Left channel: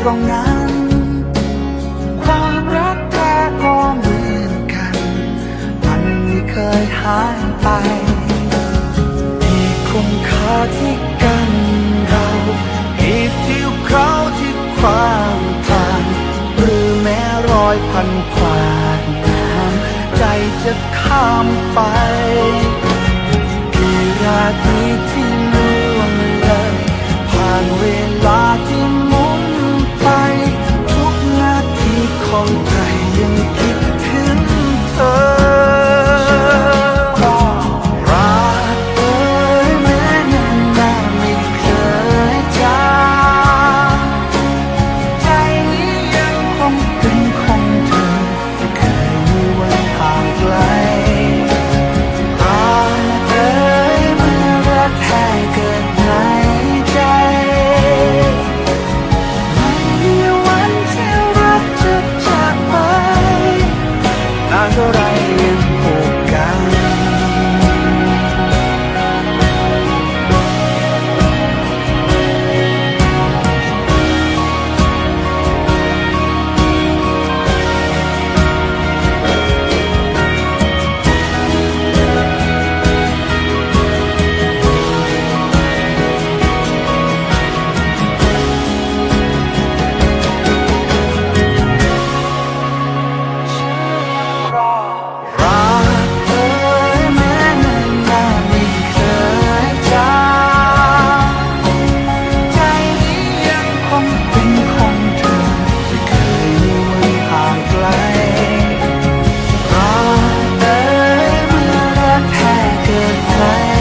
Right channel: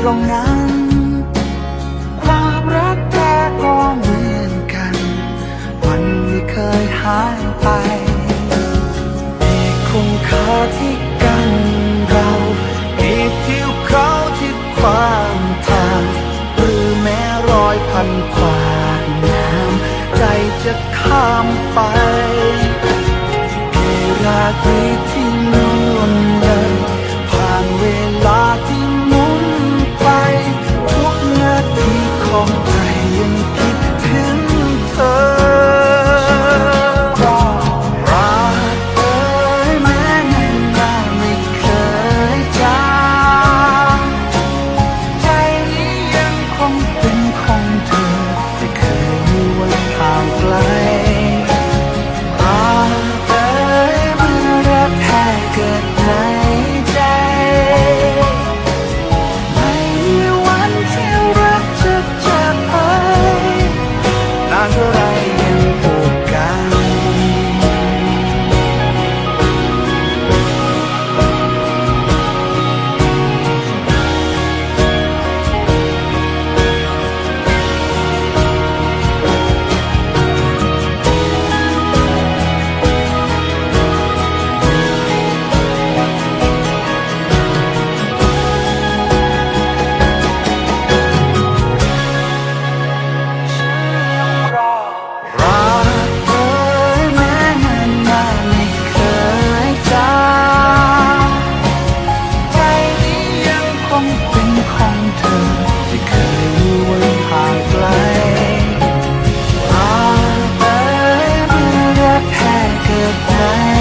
ตรงนั้น ความรักแท้ก็เหมือนกัน มันไม่เคยหายไปมีคุณค่าที่กันเรากี่ทิวเขาที่ขวางทาง หรือแม้รอยพันขวากน้ำใจจะข้ามไปกี่ราตรีที่ล่วงเลยผ่านเวลาที่ ทีของใจยังคิด กิ